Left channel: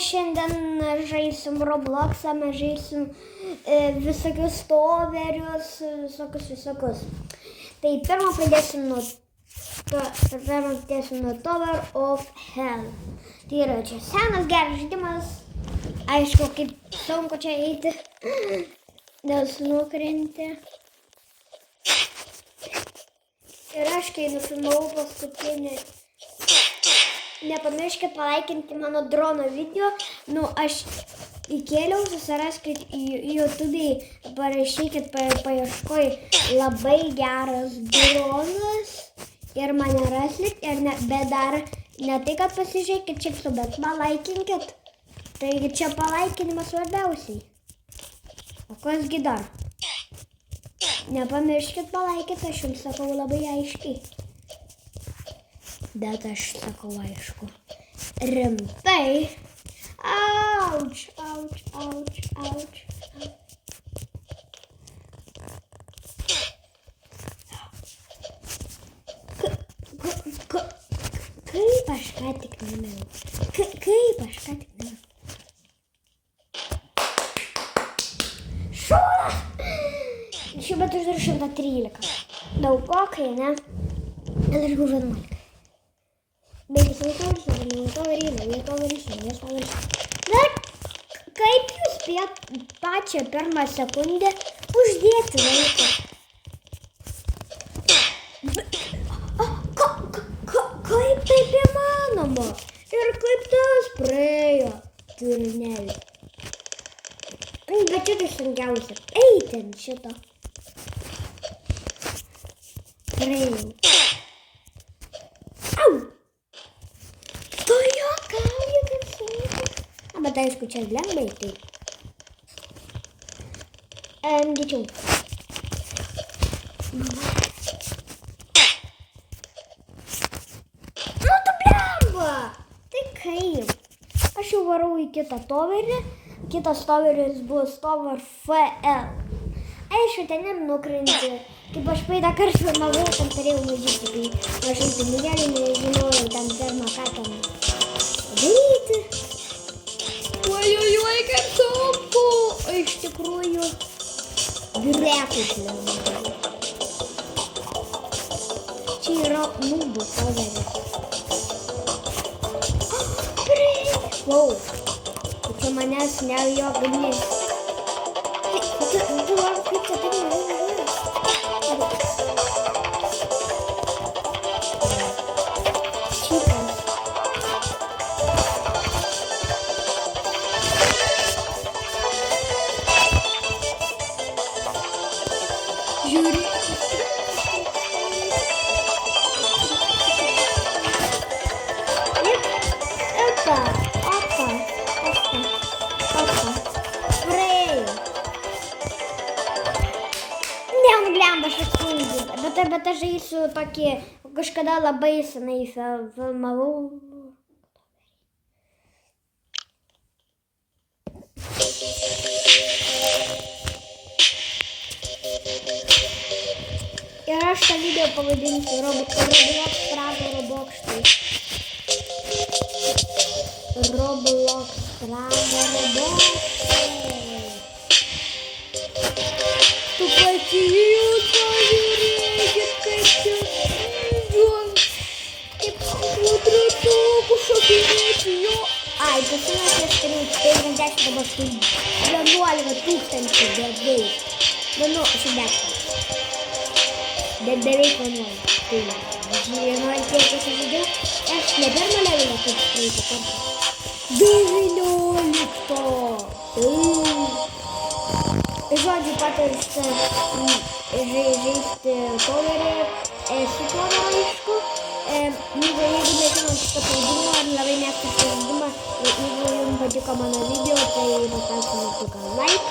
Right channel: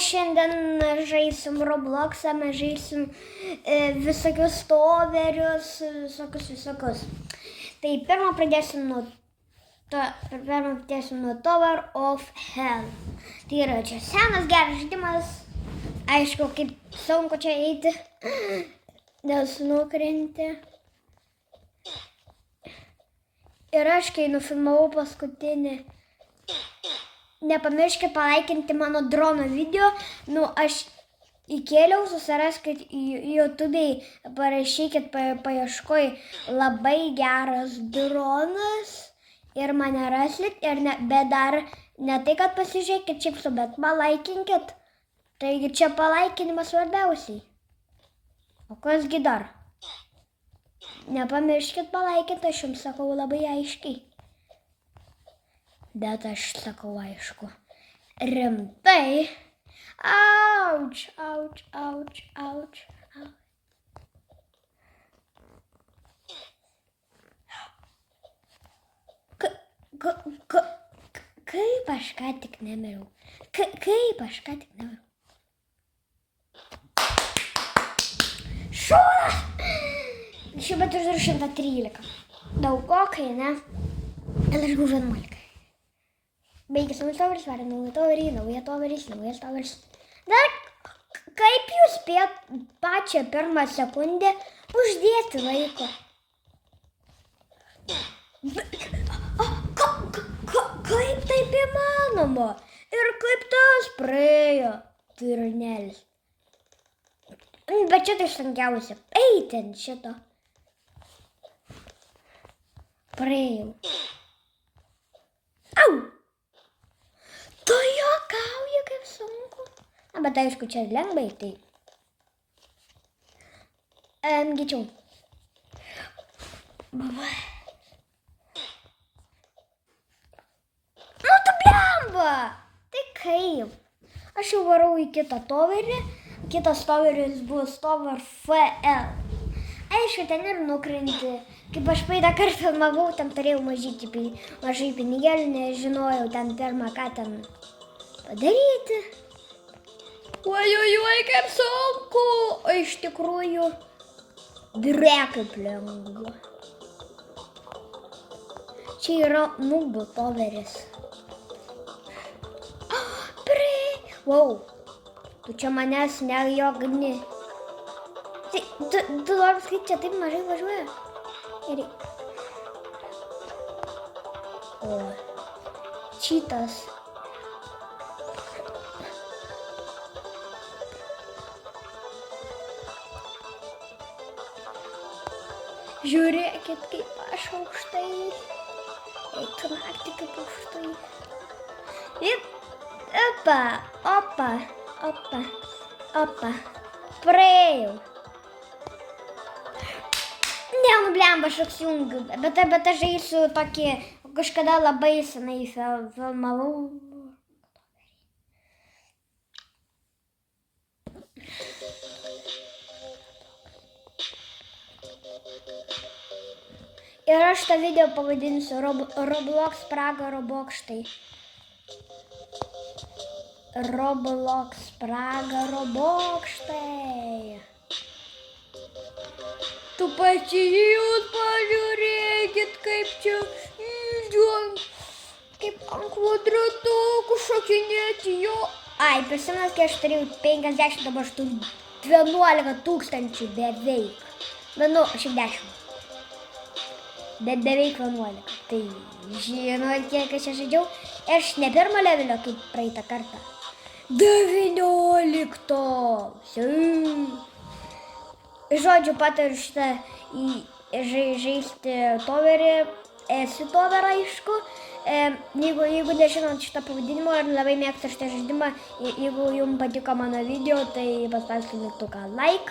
šiandien žaisim Robloxą, mes žaisim visokius toverius, visokius. Tai pirmą pradėsim nuo Tower of Hell. Tai yra čia senas geras žaidimas. Aišku, kaip sunku čia eiti, nes nukrenti. Ir aš, kai nufilmavau paskutinį, nepamirškit palaikinti mano drono video. Aš įkėliau, susiraskit YouTube'ai, parašykit paieškoj labai geras dronas ir mane rasit. Bet dar ne tai, kad pasižiūrėkit čipsų, bet palaikinkit. Taigi čia palaikinimas svarbiausiai. O kasgi dar? Nepamirškit palaikyti, aš jums sakau labai aiškiai. Bet aš sakau aišku. Rimtai. Auč. Kaip aš ką tik nemėjau. Šūdas! Šiuo metu aš dar 113. Daugokai, ne? Ir aš buvau 11. Baigis toveris, naujas toveris. Dar kaip jūs spėt pačią pirmą sekundę uždėti laiką? Kaip taip įmanoma? Ir kaip tas praėjo? Turnelį. Bet čia tai sunkiausia. Eiti ant šito. Praėjau. Au! Tu juokauji kaip sunku. Bet aišku, čia lengvai tai. Greičiau. Mama. Tu blemba! Tai kaip? Aš jau varau į kitą toverį. Kitas toveris bus Tower FL. Aišku, ten ir nukrenti. Kaip aš praeitą kartą filmavau, ten turėjau mažai pinigėlių, nežinojau ten pirmą ką ten padaryti. Oi, kaip sunku. O iš tikrųjų, kaip lengva. Čia yra nubų toveris. Wow. Čia manęs nejogni. Tu nori kaip čia taip mažai važiuoja? Čitas. Žiūrėkit, Opa. Praėjau. Blemba, aš atsimenu, bet aš žaisiu tokį, kažkada labai senai filmavau. Ir aš tą video pavadinsiu Roblox pragaro bokštai. Roblox pragaro bokštai. Tu pačiūs, pažiūrėkit, kaip čia kaip ant kvadratukų šokinėti jo. Ai, pasimasi, aš turėjau 50, dabar aš turiu 11 tūkstančių beveik. Šiaip 10. Bet beveik 11. Tai, žinojau, kiek aš žaidžiau. Ir aš ne pirmą levelę kaip praeitą kartą. 19. Žodžiu, patariu šitą žaisti toverį, su toverą aišku. Jeigu nežinot šitą pavadinimą ir labai mėgstat šitą žaidimą, jeigu jums patiko mano video, tai paspauskite mygtuką like.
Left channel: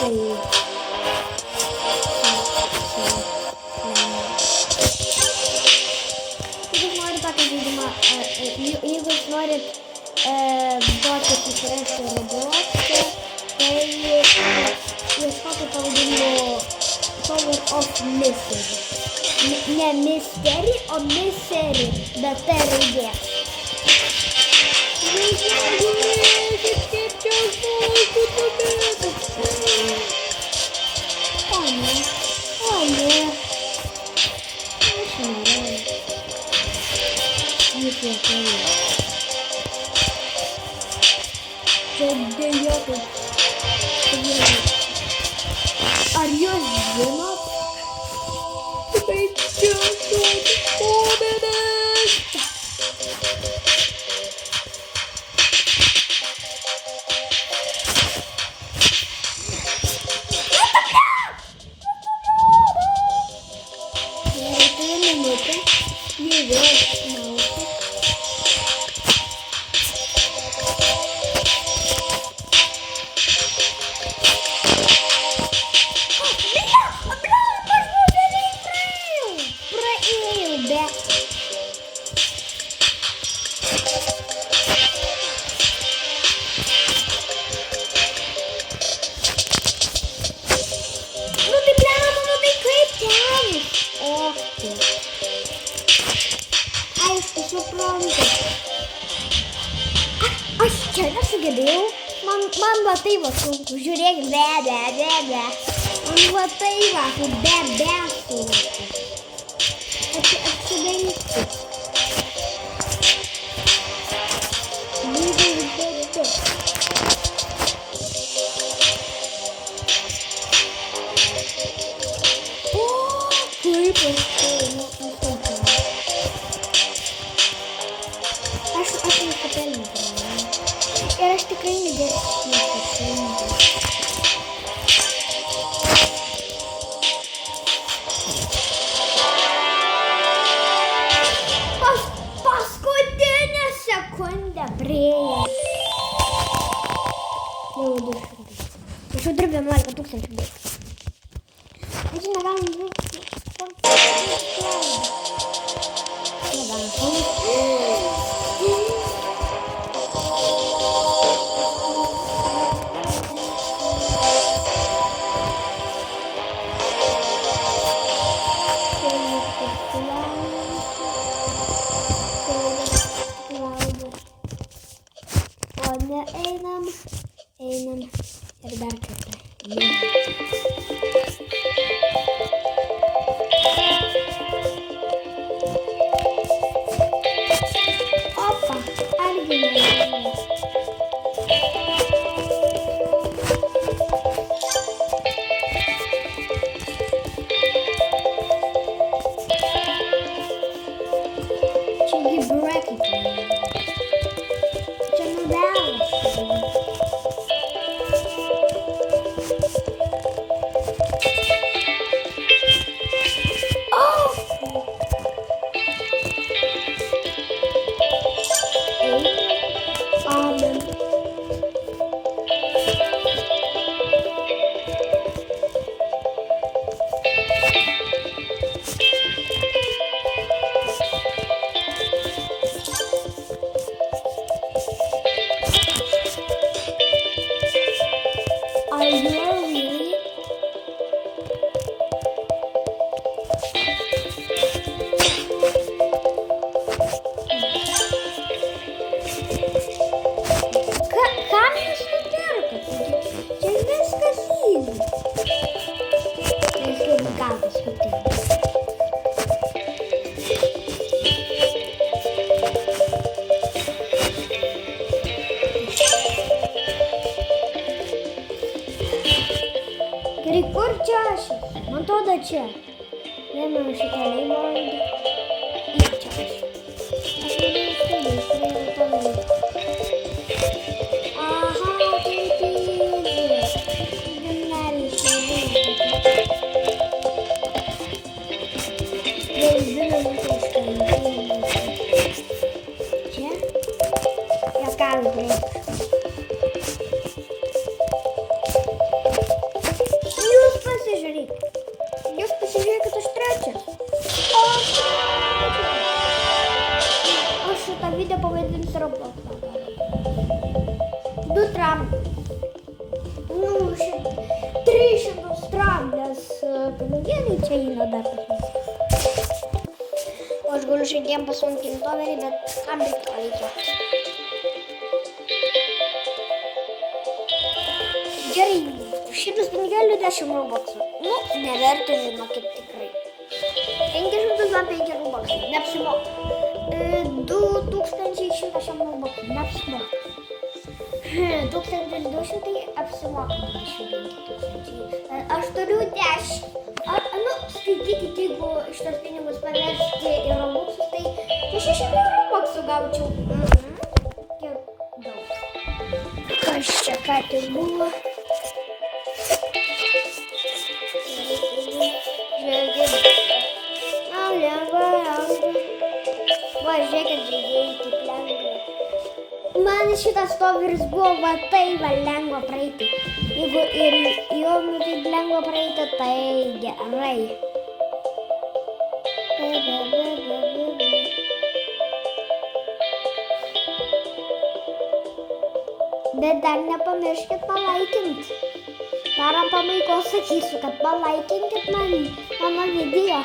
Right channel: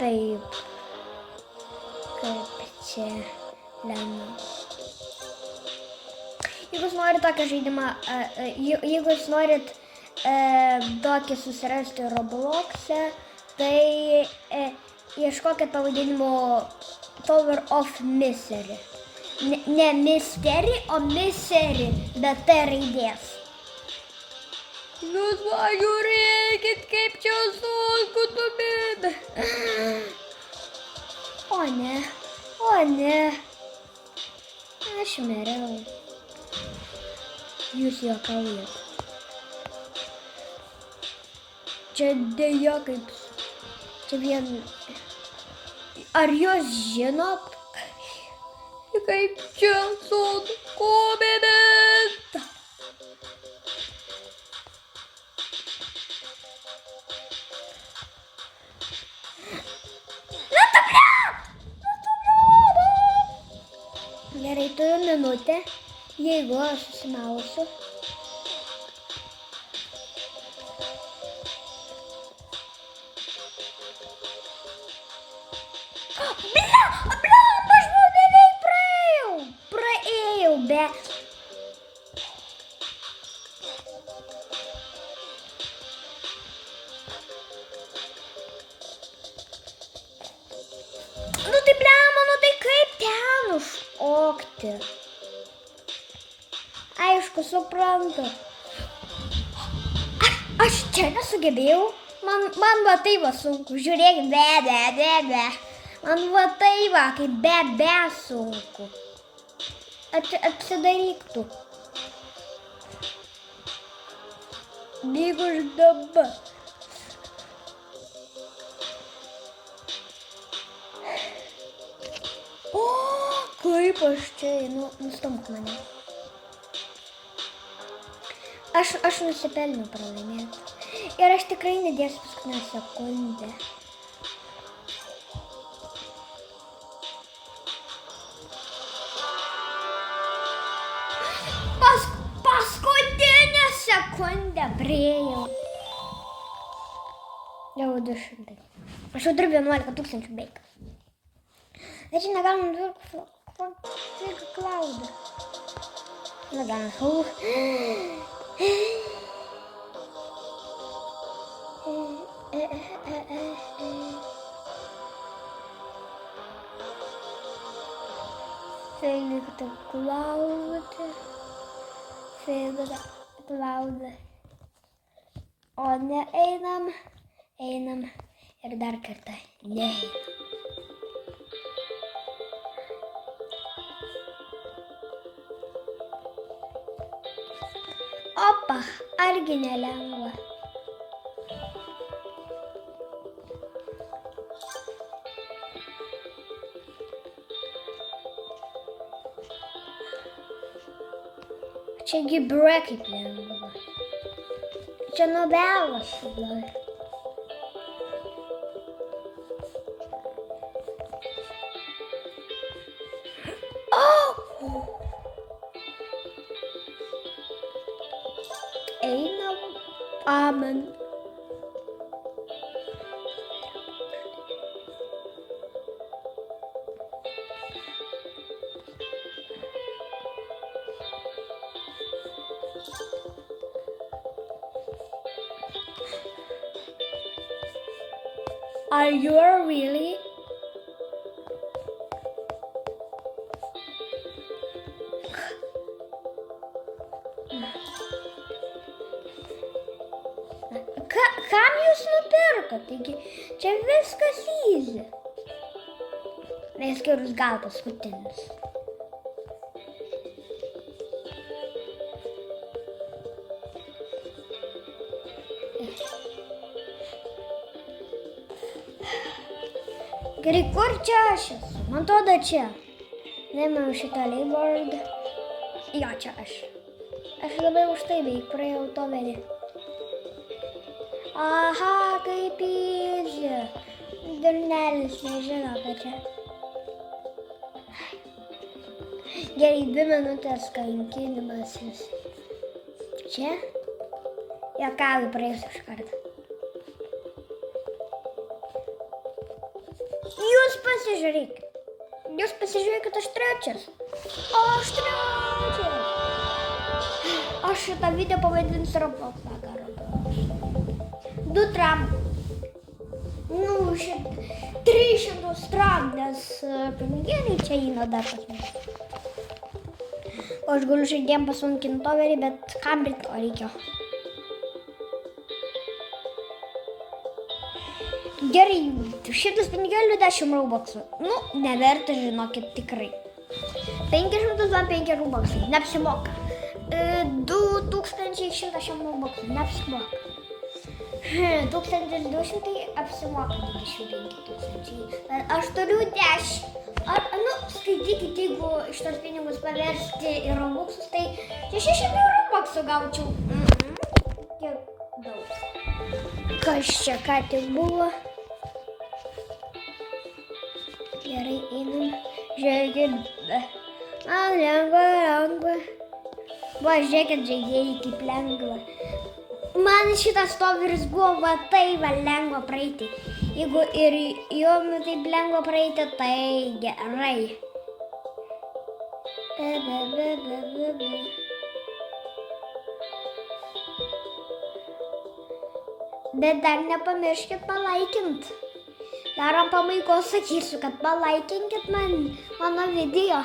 Tai jeigu jūs norit tokį žaidimą, jeigu jūs norit tokį susirasti Roblox'e, tai ieškokit pavadinimo Tower of Misery. Ne Mystery, o Misery, bet T raidė. Visai žiūrėkit, kaip čia sunku tubėti. O ne. Aš norėjau. Jūs juokavai. Čia dėja kaip vienai. Ar jūs žinot, kaip čia sunku bėdės? Gerai, turiu minutę, jeigu aš nausiu. Aišku, suprantu. Aš čia nesugebėjau. Man va tai va sunku. Žiūrėk, be. Man va tai va, kaip be sunku. Atsidaryti. Gyvas dabar. O, kaip aš tai, sunku. Aš nusipelniau. Ir aš tikrai nedėsiu nusipelniau. Paskutinę sekundę priėjau. Jau 200. Aš jau turiu 11 000 beik. Bet čia negalim žiūrėti. Negalim. O ne, einam ir dar kartą. Opa, argi nelengva. Čiagi bracket lengva. Čia novelas. Amen. Are you really? Kam jūs nupirkote? Čia viskas easy. Mes turim gal paskutinį. Gerai, kur čia aš esu? Man atrodo čia. Nemanau šitą leibordą. Jo, čia aš. Aš labai už tai praėjau to vėliau. Aha, taip easy. Gimnelis nebūna tokia. Gerai, 2 minutės karantinas. Čia? Juokauju, praeisiu iš karto. Jūs pasižiūrėkit, aš trečias. Aš šitą video pavadinsiu Roblox vakarą. 2 tramplės. 300 tramplės pinigėliai čia įna dar pas. Aš galiu žaidėjom pasunkinti toverį, bet kam to reikia? Gerai, 100 pinigėlių 10 rubaksų. Nu, neverta, žinokit, tikrai. 500 man 5 rubaksai, neapsimoka. 2100 rubaksų, neapsimoka. 1200 apsimoka 25 tūkstančiai. Aš turiu 10. Nu, skaitykit, jeigu šitos pinigus paversti į robuksus, tai 600 rubaksų gaučiau. Tiek daug. Kas čia ką tik buvo? Gerai, žiūrėkit. Lengva. Va, žiūrėkit, žaidėjai, kaip lengva. Man šitas toveris buvo va tai va lengva praeiti. Jeigu ir jom taip lengva praeiti, tai gerai. Bet dar nepamirškit palaikint. Dar ant pabaigos sakysiu, kad palaikinkit mano video.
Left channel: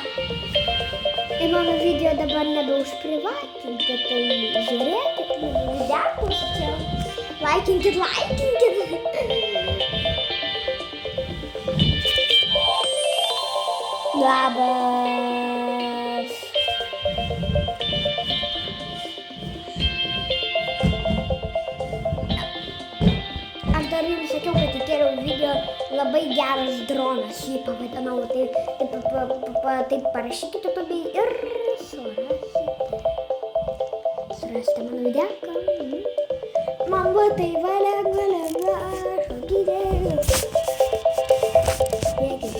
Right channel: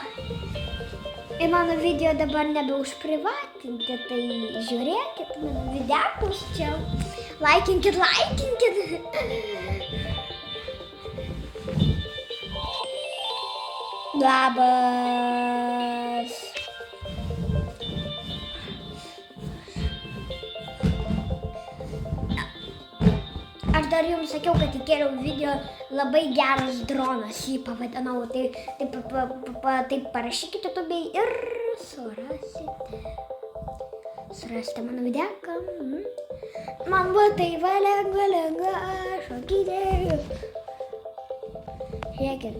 Ir mano video dabar nebeužprivatinti, tai žiūrėkit mano videkus čia. Laikinkit. Labas. Aš dar jums sakiau, kad įkėliau video labai geras dronas, jį pavadinau, taip parašykite tobei ir surasite mano videką. Man buvo tai va lengva, šokite. Žiūrėkit,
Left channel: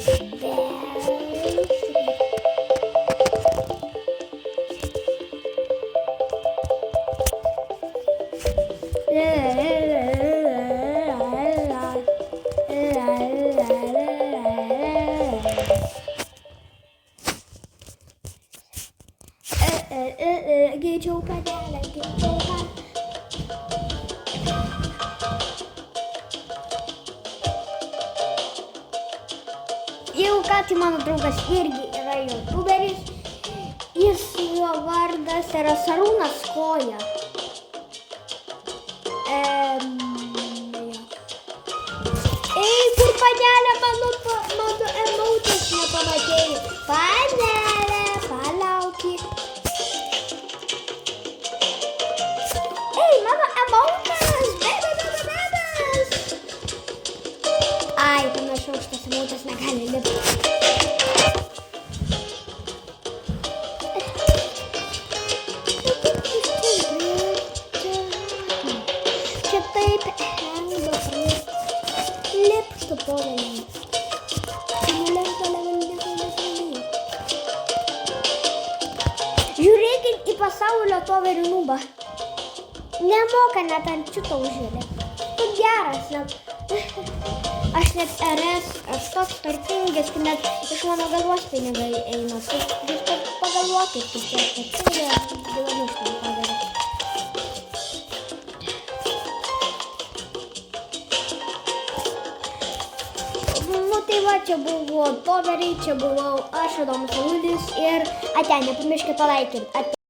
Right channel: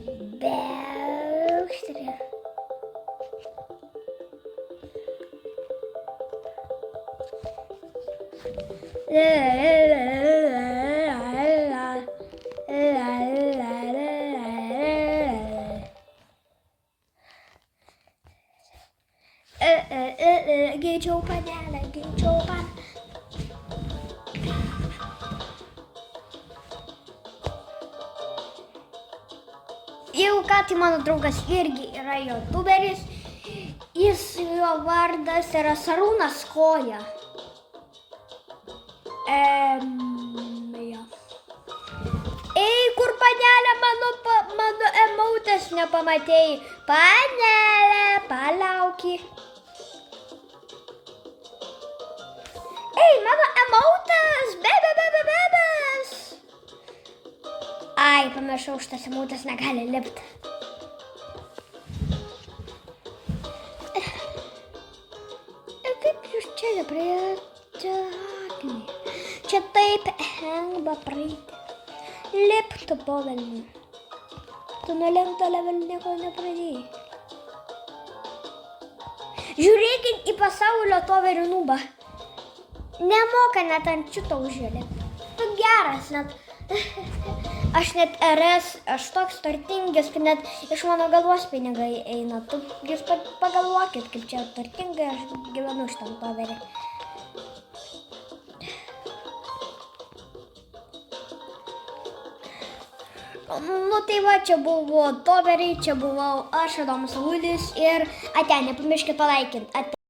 greičiau padelę. Jeigu ką, tai mano draugas irgi yra youtuberis. Jo vardas yra Sarūnas Koja. Ei, kur panelė, mano emautas nepamatėjai. Panelė, palauki. Ei, mano emautas, bebas. Ai, panašu, šitas emautas negali lipti. Čia taip lengva lipti po velnių. Čia nelengva nieko nepraeini. Žiūrėkit į pasaulio toverių nubą. Nemoka net ant šito užžiūrėti. Tu geras, net. Aš net RS, aš toks turtingas, kad net iš mano galvos pinigai eina. Jūs pagalvokit, kaip čia turtingas gyvenu šitam toverį. Nu tai va, čia buvo toveriai, čia buvau aš, Adomas Avulis ir ate, nepamirškit palaikinti.